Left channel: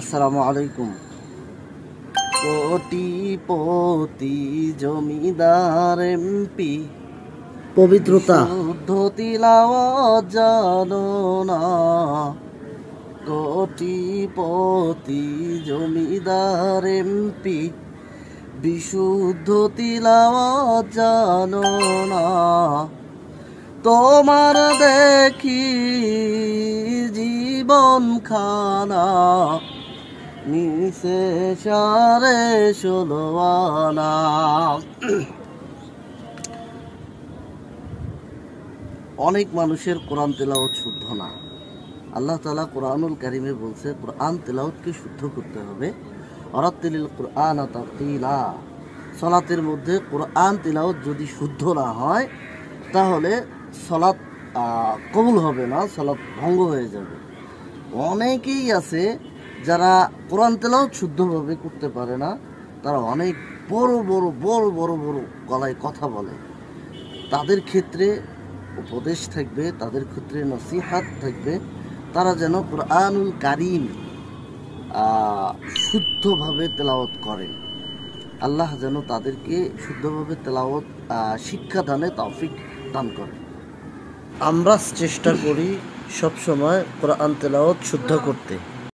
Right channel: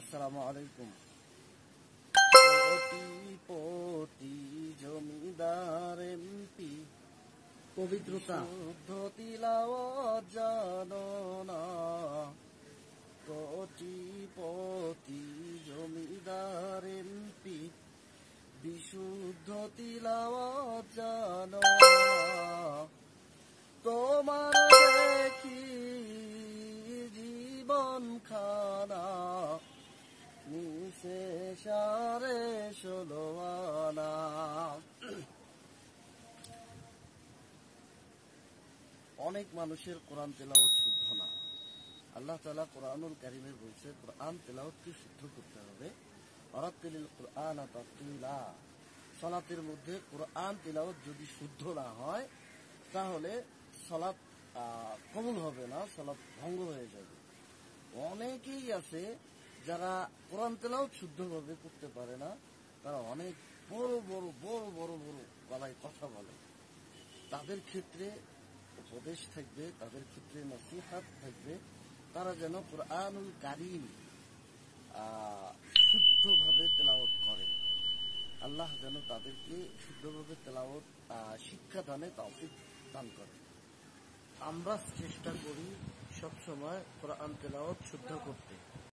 আসসালামু আলাইকুম। কোটিপতি জমিদার এমপি পবিত্রতা শুদ্ধ তিলাওয়াত জানো না। কোটিপতি জমিদার এমপি বিশুদ্ধ তিলাওয়াত জানো না। তোমার দেখি জীবন খানা নিচে সাড়ে 16 আনা। অনেক মানুষের কোরআন তেলাওয়াত শুদ্ধ না। আল্লাহ তাআলা কোরআনুল কারীমে বলছে কোরআন তেলাওয়াতকে শুদ্ধ করতে হবে। অরাত্তিলিল কোরআন তারতিলা। সালাতের মধ্যে কোরআন তেলাওয়াত যদি শুদ্ধ না হয় তাহলে সালাত কবুল হবে না, সালাত ভঙ্গ হয়ে যাবে। অনেকেই আছে যারা কোরআন তেলাওয়াত শুদ্ধভাবে করতে পারে না, তারা অনেক বড় বড় বড় বড় বড় গলায় কথা বলে। তাদের ক্ষেত্রে উপদেশ থাকবে, তাদের ক্ষেত্রে নসিহাত থাকবে, তারা যেন কোরআনুল কারীম শুদ্ধভাবে তেলাওয়াত করেন। আল্লাহ যেন তাদেরকে শুদ্ধভাবে তেলাওয়াত শিক্ষা দানে তৌফিক দান করেন। আমরা চেষ্টা করি সবসময় কোরআন তেলাওয়াত শুদ্ধ করতে।